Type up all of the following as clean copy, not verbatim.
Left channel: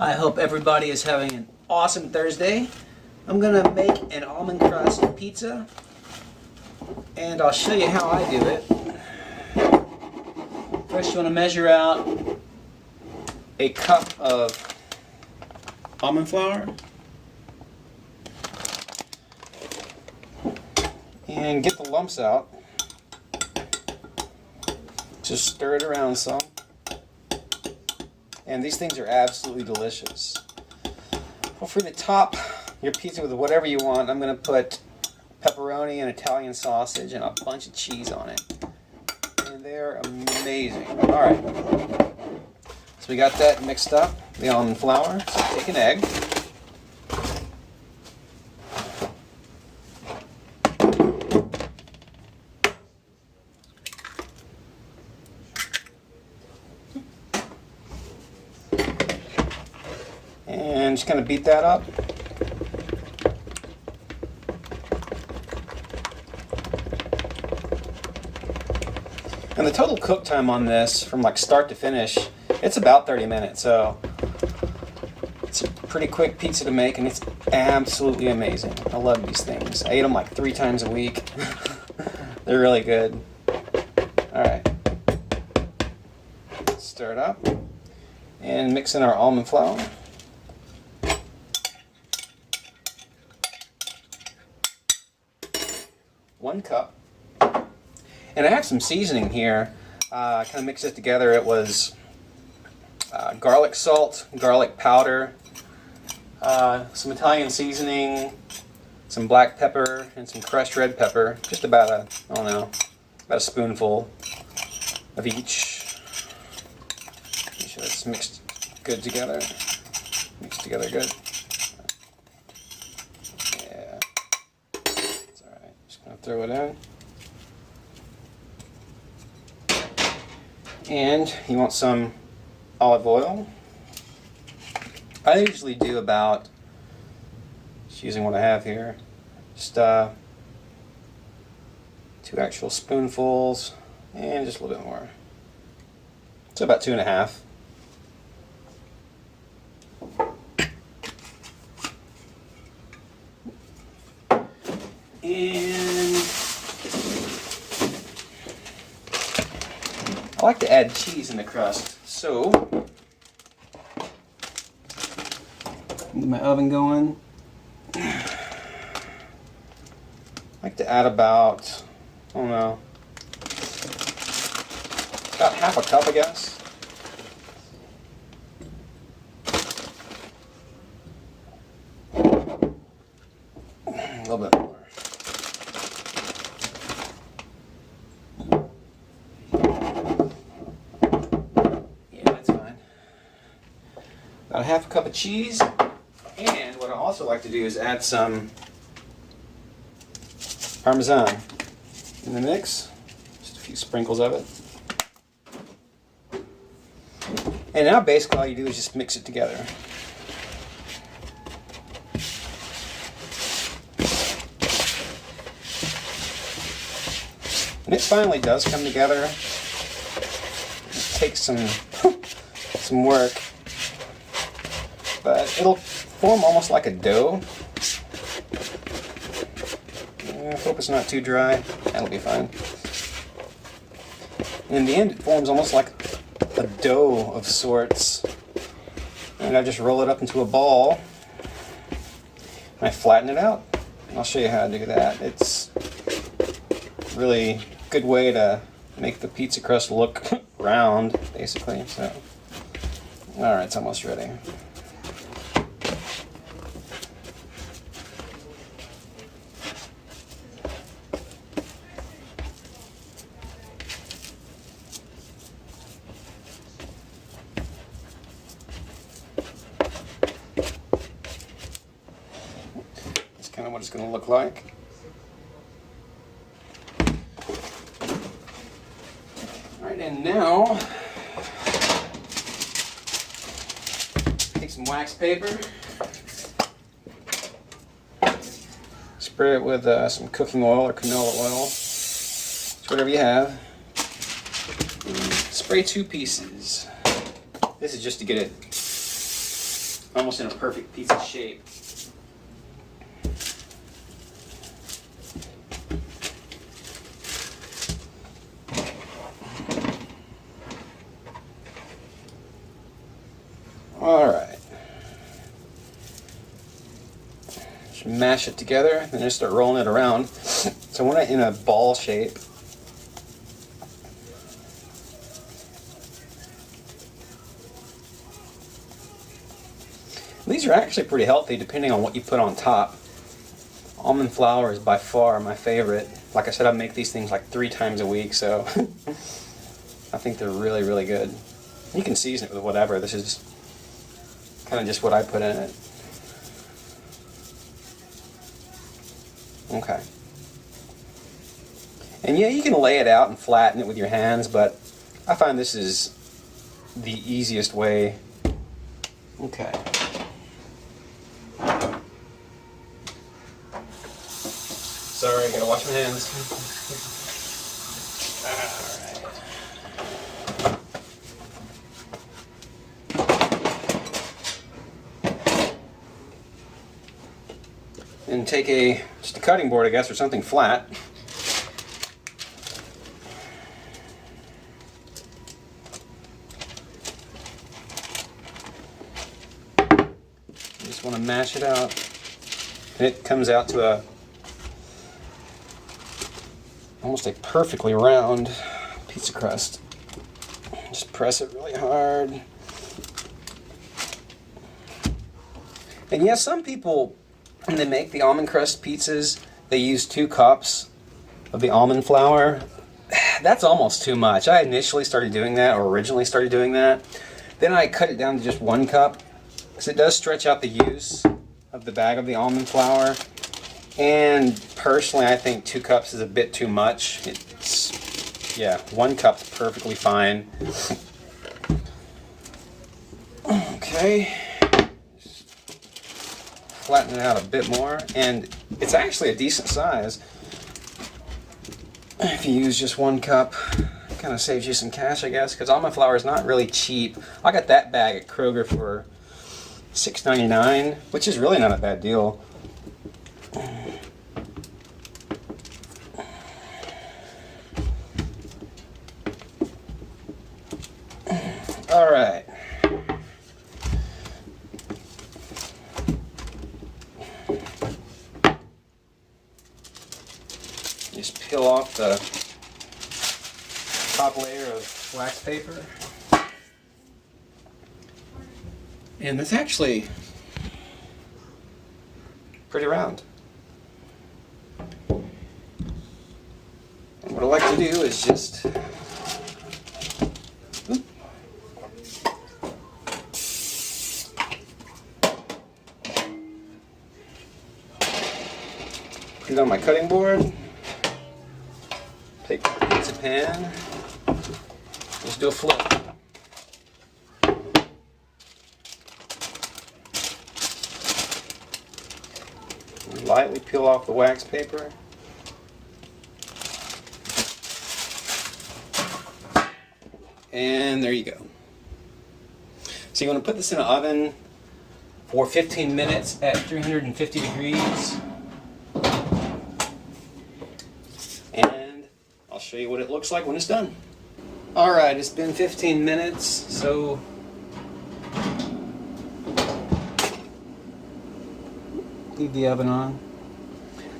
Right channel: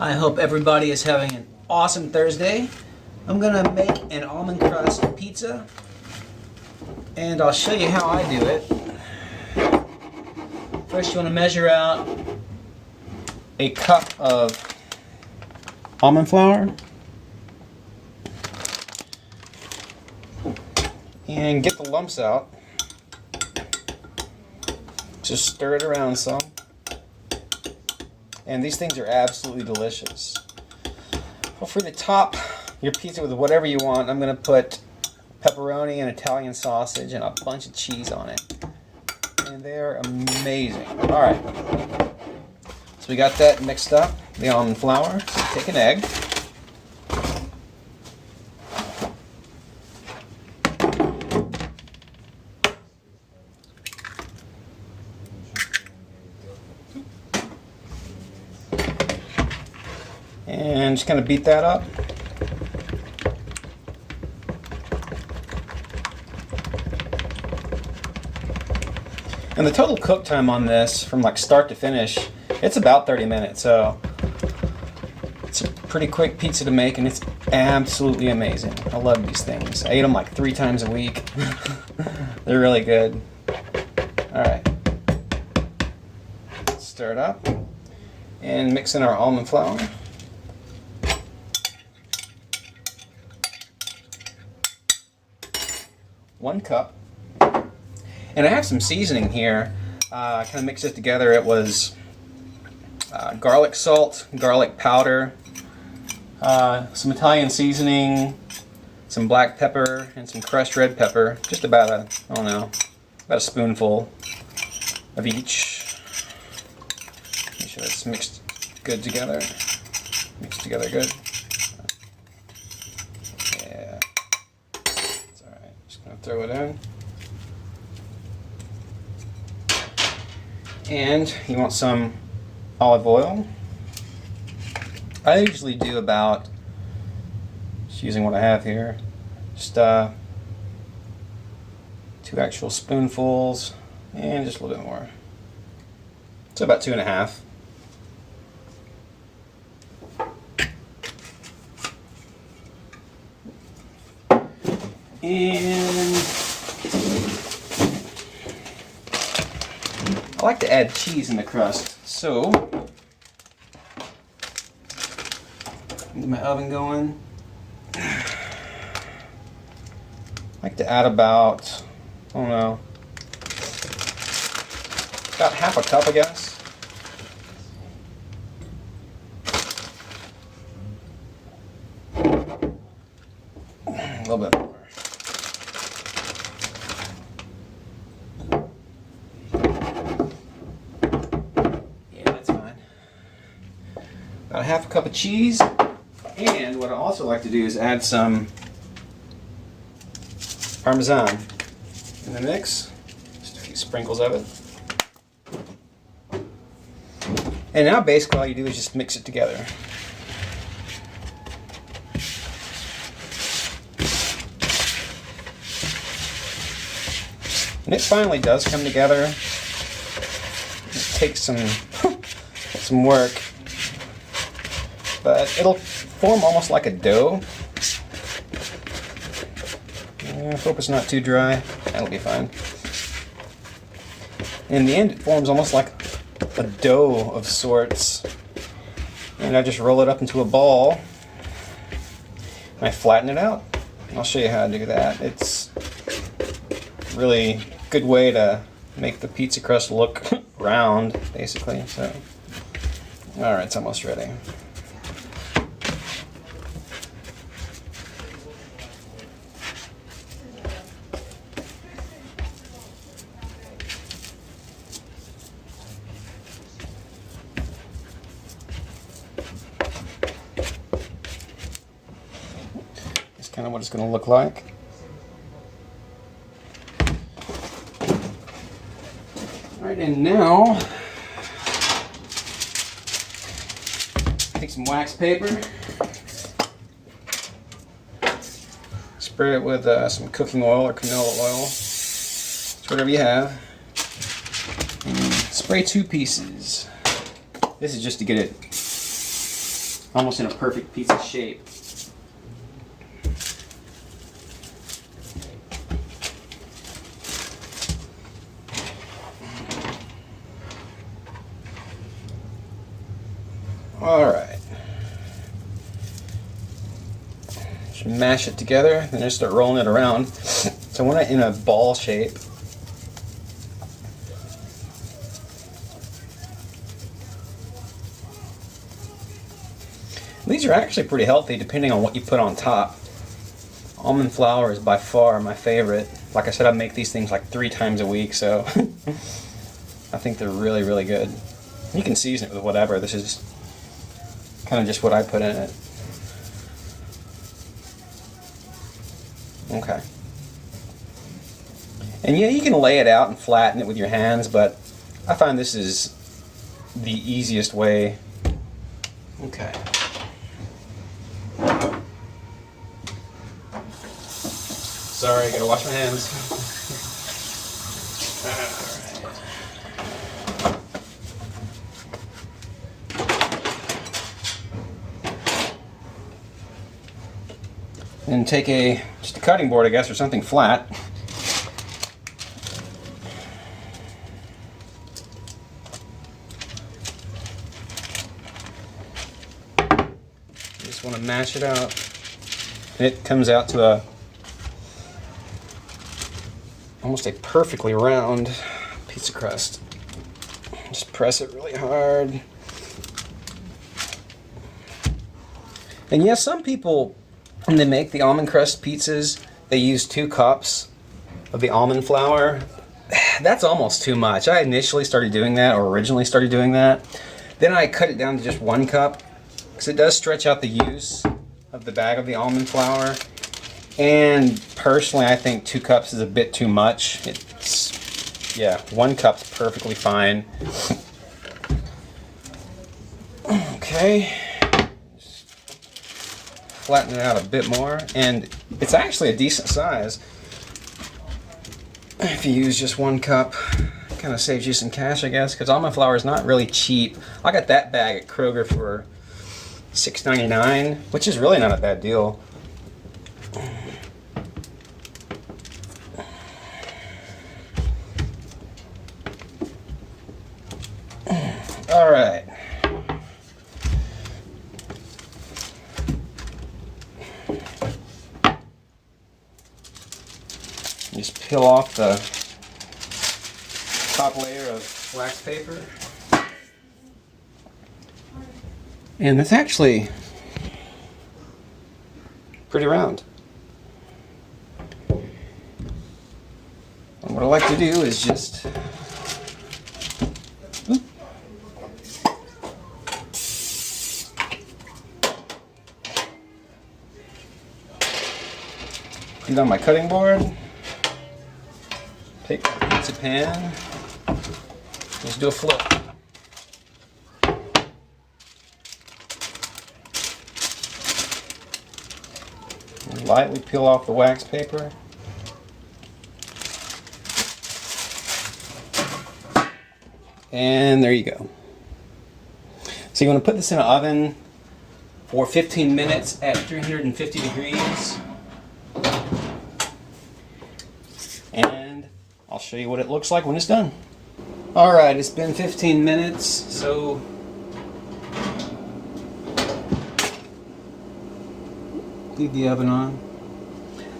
I hope everybody is having an awesome Thursday. I'm gonna make an almond crust pizza, and I'll show you how I do it. First, you want to measure out a cup of almond flour and get the lumps out. Just stir it around some. And these things are absolutely delicious. Feel free to top your pizza with whatever you want. I'm going to put pepperoni and Italian sausage and a bunch of cheese on it. And they're amazing. Alright. So we got that mixed up, the almond flour. So take an egg. And just kind of beat that up. And the total cook time on this, from like start to finish, it's about 30 minutes. So it's a pretty quick pizza to make, and it's absolutely amazing. I love these things. I eat them like 3 times a week. They're really good. Alright. Stir it up. And mix in our almond flour. One cup. And I have some seasoning here. I kind of mixed it together. It was garlic salt, garlic powder, some Italian seasoning, some black pepper, and some crushed red pepper. Just about about a spoonful of each. Make sure it's mixed good together. Mixed together good. Yeah. It's alright. Just gonna throw it in. And you want some olive oil. I usually do about, just using what I have here, just 2 actual spoonfuls, and just a little bit more. So about 2.5. And I like to add cheese in the crust, so get my oven going. I like to add about, about half a cup, I guess. A little bit more. About half a cup of cheese, and what I also like to do is add some Parmesan in the mix, just a few sprinkles of it. And now basically all you do is just mix it together. And it finally does come together. It takes some work. But it'll form almost like a dough. I hope it's not too dry. That'll be fine. In the end, it forms almost like a dough of sorts. And I just roll it up into a ball. And I flatten it out. And I'll show you how to do that. It's a really good way to make the pizza crust look round, basically. So, alright, it's almost ready. Kind of what it's going to look like. Alright, and now take some wax paper, spray it with some cooking oil or canola oil, it's whatever you have, and spray 2 pieces. This is just to get it almost in a perfect pizza shape. Alright. Just mash it together, then just start rolling it around. So I want it in a ball shape. These are actually pretty healthy depending on what you put on top. Almond flour is by far my favorite. Like I said, I make these things like 3 times a week, so I think they're really, really good. You can season it with whatever. This is kind of just what I put in it. Okay. And yeah, you can lay it out and flatten it with your hands, but I find this is the easiest way. Okay. Sorry, I gotta wash my hands. And take just a cutting board, I guess, or something flat. You just want to mash it out. And it comes out to almost a perfectly round pizza crust. Just press it really hard. And yeah, some people, when they make the almond crust pizzas, they use 2 cups of the almond flour. That's almost too much. I initially started doing that, or originally started doing that. Then I cut it down to just 1 cup, because it does stretch out the use of the bag of the almond flour. And personally, I think 2 cups is a bit too much. Yeah, 1 cup's perfectly fine. Okay. Flatten it out a bit more, and it's actually a decent size. If you use just 1 cup, it kind of saves you some cash, I guess, because almond flour is not really cheap. I got that bag at Kroger for $6.99, which is really not a bad deal. All right. Just peel off the top layer of wax paper. And it's actually pretty round. And what I like to do is just put it on my cutting board. Take my pizza pan, just do a flip. And lightly peel off the wax paper. And there you go. So you want to put this in an oven for 15 minutes at 350 degrees. And I'll show you what it looks like when it's done. Alright, it's been 15 minutes, so leave the oven on.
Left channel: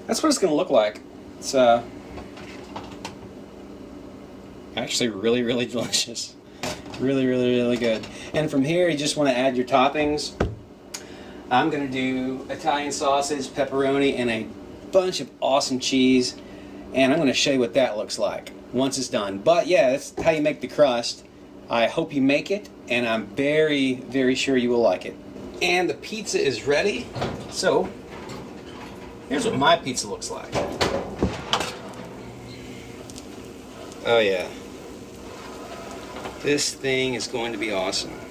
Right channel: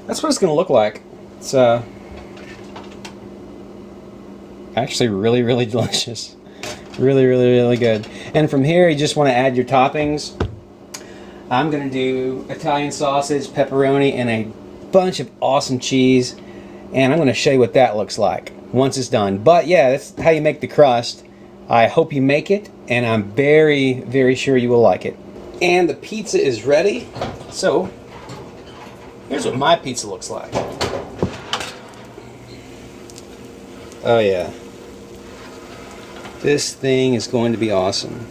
That's what it's going to look like. It's actually really, really delicious. Really, really, really good. And from here, you just want to add your toppings. I'm going to do Italian sausage, pepperoni, and a bunch of awesome cheese. And I'm going to show you what that looks like once it's done. But yeah, that's how you make the crust. I hope you make it, and I'm very, very sure you will like it. And the pizza is ready. So, here's what my pizza looks like. Oh yeah. This thing is going to be awesome.